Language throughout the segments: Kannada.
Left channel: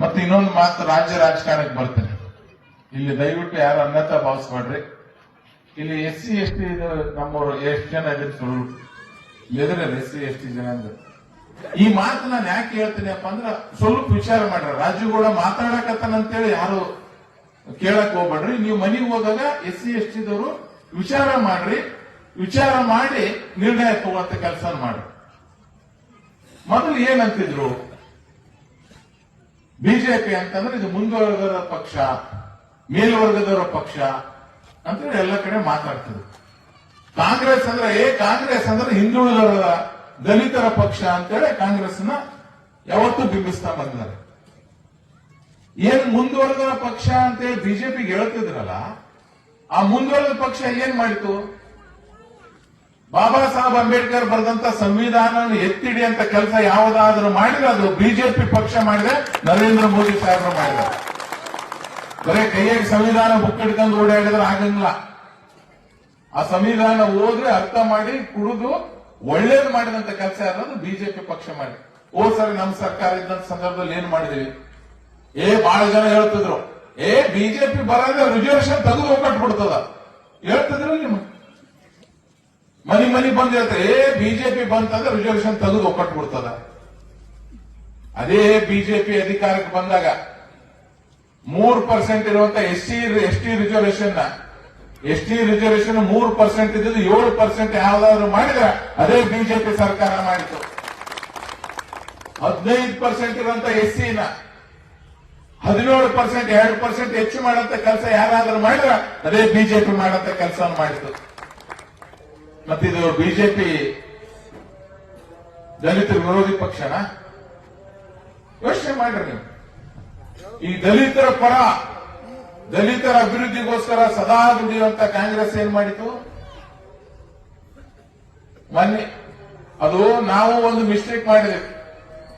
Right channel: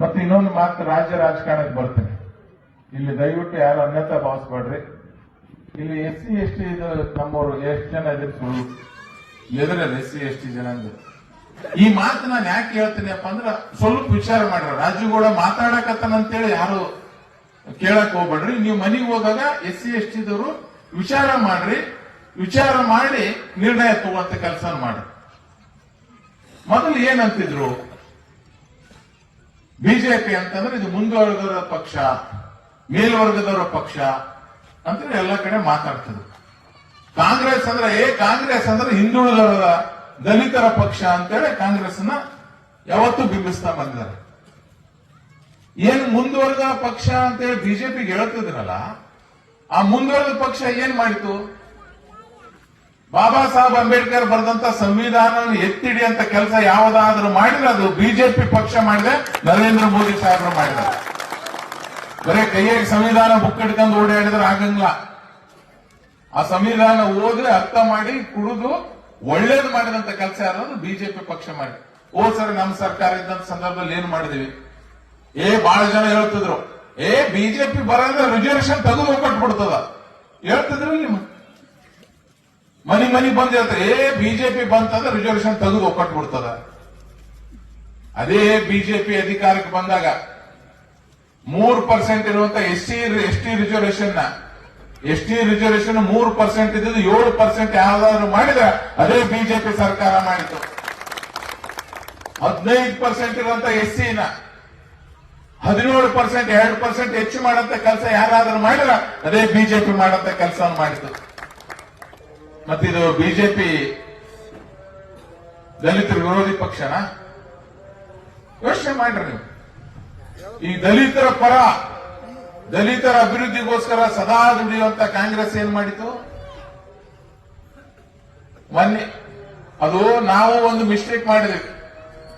ಮತ್ತೆ ಇನ್ನೊಂದು ಮಾತು ರಾಜ್ಯ ರಾಜಕಾರಣಕ್ಕೆ ಬರ್ತೇನೆ. ಇಲ್ಲಿ ದಯವಿಟ್ಟು ಯಾರು ಅನ್ಯತಾ ಭಾವಿಸ್ಬೇಡ್ರಿ. ಇಲ್ಲಿ SC ST ಇದು ನಮ್ಮವರು ಎಷ್ಟು ಜನ ಇದ್ರೆ ಸುಳ್ಳು ಎದುರಲ್ಲಿ SC ST ಜನ ಅಂದ್ರೆ ಈ ಮಾತು ನಾನು ಯಾಕೆ ಹೇಳ್ತೀನಿಪ್ಪ ಅಂದ್ರೆ ಸ್ವಲ್ಪ ವಿಚಾರ ಮಾಡ್ರಿ. ರಾಜ್ಯಗೌಡ ಮಾತಾಡಕತ್ತಾನಂತೇಳಿ ಯಾರು ಕೇಳಕ್ ಹೋಗ್ಬೇಡ್ರಿ. ನೀವು ಮನೆಗೆ ಹೋದಾಗ SC ST ದವರು ವಿಚಾರ ಮಾಡ್ರಿ. ವಿಚಾರ ಮಾಡಿ ನಿರ್ಣಯ ತಗೊಳ್ಳಂತ ಕೆಲಸ ಮಾಡಿ. ಮೊದಲು ಏನಂತಿದ್ರು, ಬಿಜೆಪಿ ಅಂತಂದ್ರೆ ಇದು ಮುಂದುವರೆದವರ ಪಕ್ಷ, ಮೇಲ್ವರ್ಗದವರ ಪಕ್ಷ ಅಂತ ಎಲ್ಲ ಕಡೆ ಮಾತಾಡ್ತಿದ್ರು. ಕಾಂಗ್ರೆಸ್ ಅಂದ್ರೆ ಹಿಂದುಳಿದವರ ದಲಿತರ ಪಕ್ಷ ಅಂತೇಳಿ ಕಾಂಗ್ರೆಸ್ನ ಯಾವತ್ತೂ ಬಿಂಬಿಸ್ತಾ ಬಂದಿದ್ದಾರೆ. ಏನ್ ಮುಂದುವರೆದ ಪಕ್ಷ ಅಂತೇಳಿ ಬಿಜೆಪಿಗೆ ಹೇಳ್ತಿದ್ರಲ್ಲ, ಆ ಮುಂದುವರೆದ ಪಕ್ಷ ಏನ್ ಮಾಡಿತು? ಬಾಬಾ ಸಾಹೇಬ್ ಅಂಬೇಡ್ಕರ್ ಬರೆದಂತ ಸಂವಿಧಾನವನ್ನು ಎತ್ತಿಡಿ ಅಂತ ಕೆಲಸ ಯಾವುದಾದ್ರೂ ಮಾಡಿದ್ರೆ ಅದು ಬಿಜೆಪಿ ಪಕ್ಷ ಮಾಡಿದೆ, ನರೇಂದ್ರ ಮೋದಿ ಸಾಹೇಬರು ಮಾಡಿದ್ದಾರೆ. ಬರೀ ಕೈಯಾಗಿ ಸಂವಿಧಾನ ಬುಕ್ ಹಿಡ್ಕೊಂಡು ಓಡಾಡಿದ್ರೆ ಆಗಂಗಿಲ್ಲ. ಆ ಸಂವಿಧಾನ ಓದಿ ಅರ್ಥ ಮಾಡಿ ಕುಡಿದು ಒಳ್ಳೇದು ಮಾಡಿದಂತ ಕೆಲಸ ಯಾರು? ಬಿಜೆಪಿ ಪಕ್ಷ ಮಾಡಿ. ಸರ್ ನಮ್ಮ ಸರ್ಕಾರ ಇದ್ದಂತ ಸಂದರ್ಭದಲ್ಲಿ ಏನ್ ಮಾಡಿದೀವಿ? ಬಹಳ ಜನ ಹೇಳ್ತಿದ್ರು, ಬಿಜೆಪಿ ಬರೋದ್ರೆ ರಿಸರ್ವೇಶನ್ ತೆಗೆದು ಹೋಗ್ಬಿಡ್ತದ ಹೇಳ್ತಿದ್ರು. ನಿಮ್ಮ ಮನಿ ಬಂದ್ ಹೇಳ್ತಾರೆ, ಬಿಜೆಪಿ ಬಂತಂದ್ರೆ ರಿಸರ್ವೇಶನ್ ತೆಗೆದು ಒಕ್ಕಟ್ಬಿಡ್ತದ. ಅದೇ ಬಿಜೆಪಿ ಅಧಿಕಾರಕ್ಕೆ ಬಂದಾಗ 3% ಇರುವಂತ ST ರಿಸರ್ವೇಶನ್ 3% ಇದ್ದು 7% ಯಾವ್ದಾದ್ರು ಮಾಡಿದ್ರೆ ಅದೇ ಬಿಜೆಪಿ ಸರ್ಕಾರ ಮಾಡಿತು. 15% ಇರುವಂತ SC 17% 2% ಹೆಚ್ಚು ಮಾಡಂತ ಕೆಲಸ ಯಾರಾದ್ರೂ ಮಾಡಿದ್ರೆ ಅದೇ ಬಿಜೆಪಿ ಮಾಡಂತ ಕೆಲಸ ಮಾಡಿತು. ಮತ್ತಿದು ಬಿಜೆಪಿ ದಲಿತರ ವಿರೋಧಿ ಪಕ್ಷನ ಯೋಚನೆ ಮಾಡ್ರಿ ನೀವು. ಈ ದಲಿತರ ಪರ, ದಲಿತರ ಅಭಿವೃದ್ಧಿಗೋಸ್ಕರ ಸದಾ ದುಡಿಯುವಂತ ಕಾಂಗ್ರೆಸ್ ಏನ್ ಮಾಡಿತು? ಮೊನ್ನೆ ಅದು ನಾವು ಒಂದು ಮಿಸ್ಟೇಕ್ ಮಾಡಿದ್ವಿ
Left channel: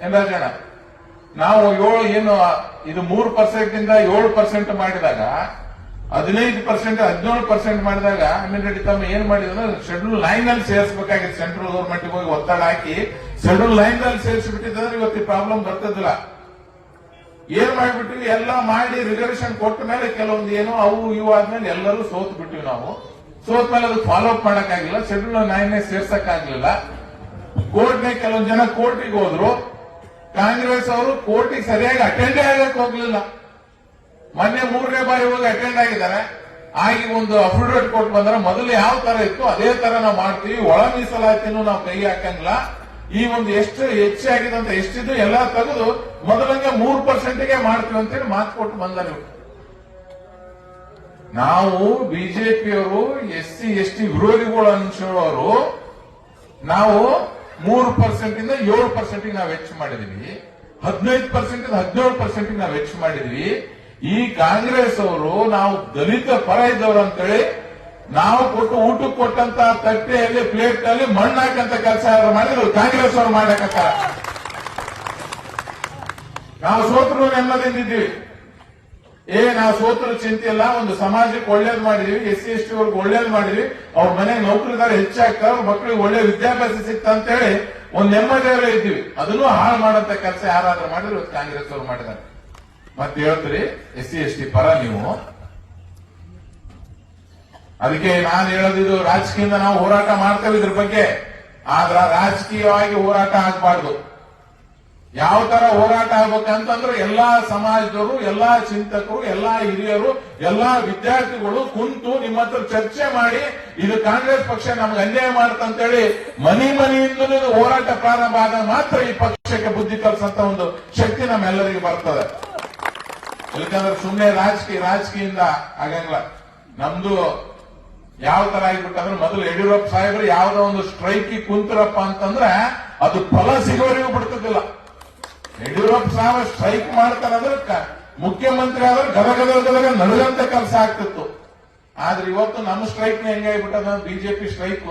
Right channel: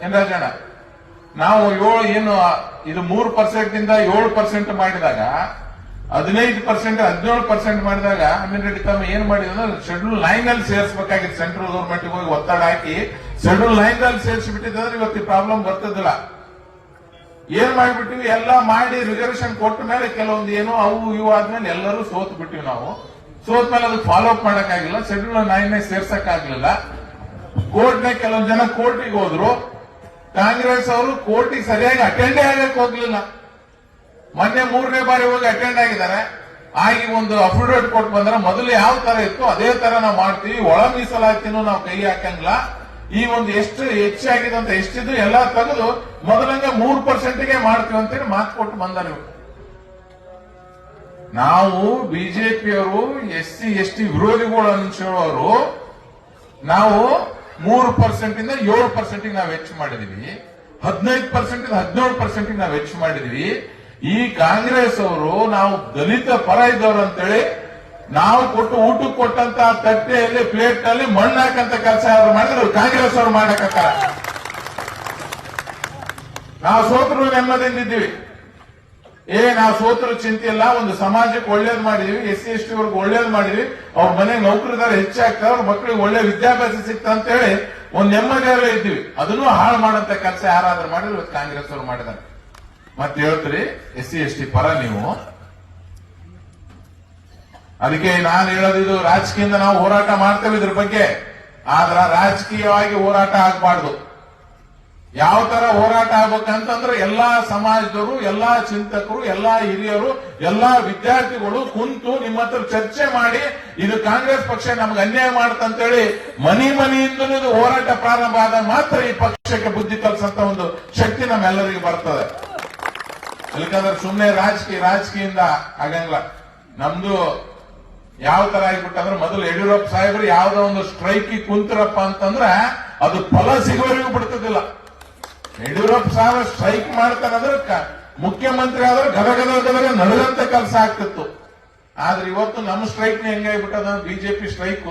ಏನ್ ರಾಜಣ್ಣ, ನಾವು ಇದು 3% ಇಂದ 7% ಮಾಡಿದಾಗ 15% 17% ಮಾಡಿದಾಗ ಅಮೀನ್ ತಮ್ಮ ಏನ್ ಮಾಡಿದ್ರು, ಶೆಡ್ಯೂಲ್ ಲೈನ್ ಅಲ್ಲಿ ಸೇರಿಸಬೇಕಾಗಿತ್ತು. ಸೆಂಟ್ರಲ್ ಗೌರ್ಮೆಂಟ್ ಹೋಗಿ ಒತ್ತಡ ಹಾಕಿ ಶೆಡ್ಯೂಲ್ ಲೈನ್ ಅಲ್ಲಿ ಸೇರಿಸಿಬಿಟ್ಟಿದ್ರೆ ಇವತ್ತು ಪ್ರಾಬ್ಲಮ್ ಬರ್ತಿದ್ದಿಲ್ಲ. ಏನ್ ಮಾಡಿಬಿಟ್ಟಿವಿ, ಎಲ್ಲ ಮಾಡಿ ರಿಸರ್ವೇಶನ್ ಕೊಟ್ಟ ಮೇಲೆ ಕೆಲವೊಂದು ಅವು ಇವು ಆದ್ಮೇಲೆ ಎಲ್ಲರೂ ಸೋತ್ ಬಿಟ್ಟಿವಿ. ನಾವು ಸೋತ್ ಮೇಲೆ ಅದಕ್ಕೆ ಫಾಲೋ ಅಪ್ ಮಾಡಕ್ಕಾಗಿಲ್ಲ, ಶೆಡ್ಯೂಲ್ 9 ಸೇರ್ಸಕ್ಕಾಗ್ಲಿಲ್ಲ. ಕೋರ್ಟ್ನ ಕೆಲವೊಂದು ಜನ ಕೋರ್ಟಿಗೆ ಹೋದ್ರು, ಕಾಂಗ್ರೆಸ್ ಅವರು ಕೋರ್ಟಿಗೆ ಸರಿಯಾಗಿ ಅಟೆಂಡೇ ಆಗಕ್ಕೆ ಹೋಗ್ಲಿಲ್ಲ. ಮೊನ್ನೆ 3ನೇ ಬಾರಿ ಹೋಗಿ ಅಟೆಂಡ್ ಆಗಿದ್ದಾರೆ. ಆಗಿ ಒಂದು ಅಫಿಡವಿಟ್ ಕೊಟ್ಟು ಬಂದ್ರೆ ಮೊದಲು ಯಾವ ತರ ಇತ್ತು ಅದೇ ತರ ನಾವು ಮಾಡ್ತೀವಿ, ಒಳ ಮೀಸಲಾತಿನೂ ನಾವು ಕೈ ಹಾಕಂಗಿಲ್ಲ. ಈ ಒಂದು ಎಷ್ಟು ಹೆಚ್ಚಾಗಿದೆ ಅಂತ ಎಷ್ಟಿದ್ದು ಎಲ್ಲ ತೆಗೆದು ಮೊದಲಂಗ 3%ಗೆ ಮಾಡ್ತೀವಿ ಅಂತೇಳಿ ಮಾತು ಕೊಟ್ಟು ಬಂದಾರೆ. ನಾವು ಬಿಜೆಪಿಯವರು SC ST ವಿರೋಧಿಗಳು ಅನ್ಸೋರು ನಾವು 3% ಇಂದ 7% ನಾವು ಹೆಚ್ಚು ಮಾಡಿದೀವಿ, 15% ಇಂದ 17% ನಾವು ಹೆಚ್ಚು ಮಾಡಿದೀವಿ. ಈ ಕಾಂಗ್ರೆಸ್ ಅವರು ನಾವು ದಲಿತ ಪರ ಇದ್ದವರು ಅಂತೇಳಿ ನಾವು ಊಟಕ್ಕೆ ಕೊಟ್ಟಂತ ತಟ್ಟೆಯಲ್ಲಿ ಪ್ಲೇಟ್ ನಲ್ಲಿ ಮಣ್ಣು ಹಾಕಂತ ಕೆಲಸ ಯಾರು ಮಾಡಿದ್ರು? ಕಾಂಗ್ರೆಸ್ ಅವರು ಮಾಡಕತ್ತಾರ. ನಾವು ಸೋತರು ನೆಮ್ಮದಿದ್ದೀವಿ. ನಾವು ಸೋತರು ಚಿಂತೆ ಇಲ್ಲ, ಒಂದು ಸಮಾಜಕ್ಕೆ ಒಳ್ಳೇದು ಮಾಡಿದೀವಿ, SC ST ಅವ್ರಿಗೆ ಒಳ್ಳೇದು ಮಾಡಿದ್ವಿ, ಅವ್ರ ಮನೆಗೆ ನೌಕರಿದಾರ ಹೆಚ್ಚಾಗ್ತಾರೆ, ಅವ್ರ ಮಕ್ಕಳಿಗೆ ಒಳ್ಳೆ ವಿದ್ಯಾಭ್ಯಾಸ ಸಿಗ್ತಾ ಅಂತ ಹೇಳಿ ಒಂದು ನೆಮ್ಮದಿಯಲ್ಲೇ ಇದ್ದೀವಿ. ಅದನ್ನು ಹಾಳು ಮಾಡಂತ ಕೆಲಸ ಯಾರಾದ್ರೂ ಮಾಡಿದ್ರು ಕಾಂಗ್ರೆಸ್ ಅವರು ಮಾಡಿದ್ದಾರೆ. ಮತ್ತೆ ಹೇಳ್ತೀರಿ SC ST ಪರ ನೀವು. ಅದಕ್ಕೆ ನಾನು ಹೇಳೋದಿದು, ರಾಜಕೀಯದಿಂದ ನಾವು ಹೋರಾಟ ಮಾಡ್ತೇವೆ ಇದ್ರ ಬಗ್ಗೆ, ಆದ್ರ ರಾಜಕೀಯವಾಗಿ ಹೋರಾಟ ಆಗಬಾರ್ದು. ಯಾವ ತರ ಹೋರಾಟ ಆಗ್ಬೇಕಂತಂದ್ರೆ ಎಲ್ಲಾ ಸಮಾಜದವರು, ಎಲ್ಲಾ ಚಿಂತಕರು, ಎಲ್ಲಾ ಹಿರಿಯರು, ಎಲ್ಲಾ ವಿದ್ಯಾರ್ಥಿಗಳು ಕುಂತು ನಿಮ್ಮ ಹತ್ರ ಚರ್ಚೆ ಮಾಡಿ ಇದು ಕಾಂಗ್ರೆಸ್ ಪಕ್ಷ ನಮ್ಗೆ ಅನ್ಯಾಯ ಮಾಡುತ್ತಂತೇಳಿ ಮನೆಯಿಂದಲೂ ಹೋರಾಟ ಪ್ರಾರಂಭ ಆದಾಗ ಮಾತ್ರ ಈ ಪಕ್ಷಕ್ಕೆ ಬುದ್ಧಿ ಕಲಿಸಂತ ಒಂದು ಶಕ್ತಿ ನಮ್ಮೆಲ್ಲರಿಗೂ ಬರ್ತದೆ. ಯಾಕಂದ್ರೆ ಸುಮ್ಮನೆ ರಾಜಕೀಯದಿಂದ ಆಗಂಗಿಲ್ಲ. ನಮ್ದು ಯಾವ ತರ ಆಗಿಬಿಟ್ಟಂದ್ರೆ, ಮೊದಲು ಯಡಿಯೂರಪ್ಪ ಸಾಹೇಬರು ಯಾವ್ದೋ ಒಂದು ಸ್ಟ್ರೈಕ್ ಕುಂತರಪ್ಪ ಅಂತಂದ್ರೆ ಅದು ಫಲ ಸಿಗೋರಿಗೂ ಬಿಡ್ತಿದ್ದಿಲ್ಲ. ಯಡಿಯೂರಪ್ಪ ಸಾಹೇಬ್ ಸ್ಟ್ರೈಕ್ ಮಾಡ್ತಾರಂದ್ರೆ ಮುಖ್ಯಮಂತ್ರಿ ಆದ್ರೆ ಗದಗದ ನಡೆದಂತ ಕೆಲಸ ಆಗ್ತಿತ್ತು. ಆದ್ರೆ ಇವತ್ತು ನಮ್ಮ ಸ್ಟ್ರೈಕ್ ಹೆಂಗಾಗ್ಬಿಟ್ಟದ, ಬಿಜೆಪಿ ಸ್ಟ್ರೈಕ್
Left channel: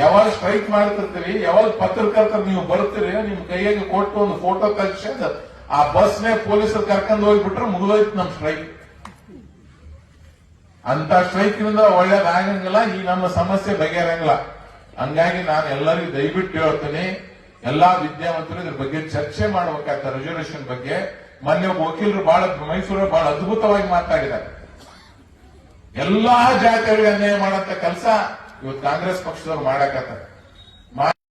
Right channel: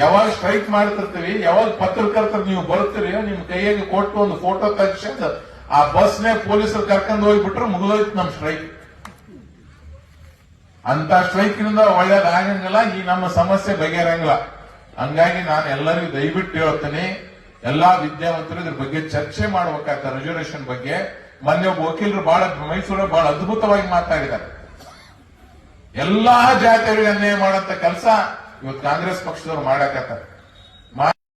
ಯಾವಾಗ ಸ್ಟ್ರೈಕ್ ಮಾಡ್ತಿರ್ತೀವಿ, ಯಾವಾಗ ಪತ್ರಕರ್ತರು ನೀವು ಬರ್ತೀರಿ, ನಿಮ್ ಕೈಯಾಗಿ ಕೊಟ್ಟು ಒಂದು ಫೋಟೋ ತೆಗೆದು ಆ ಬಸ್ನೇ ಪೊಲೀಸರು ಕರ್ಕೊಂಡು ಹೋಗ್ಬಿಟ್ರೆ ಮುಗಿದೋಯ್ತು ನಮ್ ಸ್ಟ್ರೈಕ್. ಅಂತ ಸ್ಟ್ರೈಕ್ನಿಂದ ಒಳ್ಳೇದಾಗಂಗಿಲ್ಲ, ಈ ನಮ್ಮ ಸಮಸ್ಯೆ ಬಗೆಹರಂಗಿಲ್ಲ. ಹಂಗಾಗಿ ನಾನು ಎಲ್ಲರಿಗೂ ದಯವಿಟ್ಟು ಹೇಳ್ತೀನಿ, ಎಲ್ಲಾ ವಿದ್ಯಾವಂತರು ಇದ್ರ ಬಗ್ಗೆ ಚರ್ಚೆ ಮಾಡಬೇಕಾಗ್ತದೆ. ರಿಸರ್ವೇಶನ್ ಬಗ್ಗೆ ಮೊನ್ನೆ ಒಬ್ಬ ವಕೀಲರು ಬಹಳ ಮೈಸೂರು ಬಹಳ ಅದ್ಭುತವಾಗಿ ಮಾತಾಡಿದ್ದಾರೆ. ಎಲ್ಲಾ ಜಾತಿಯವರಿಗೆ ಅನ್ಯಾಯ ಮಾಡಂತ ಕೆಲಸ ಇವತ್ತು ಕಾಂಗ್ರೆಸ್ ಪಕ್ಷದವ್ರು ಮಾಡಕತ್ತಾರೆ.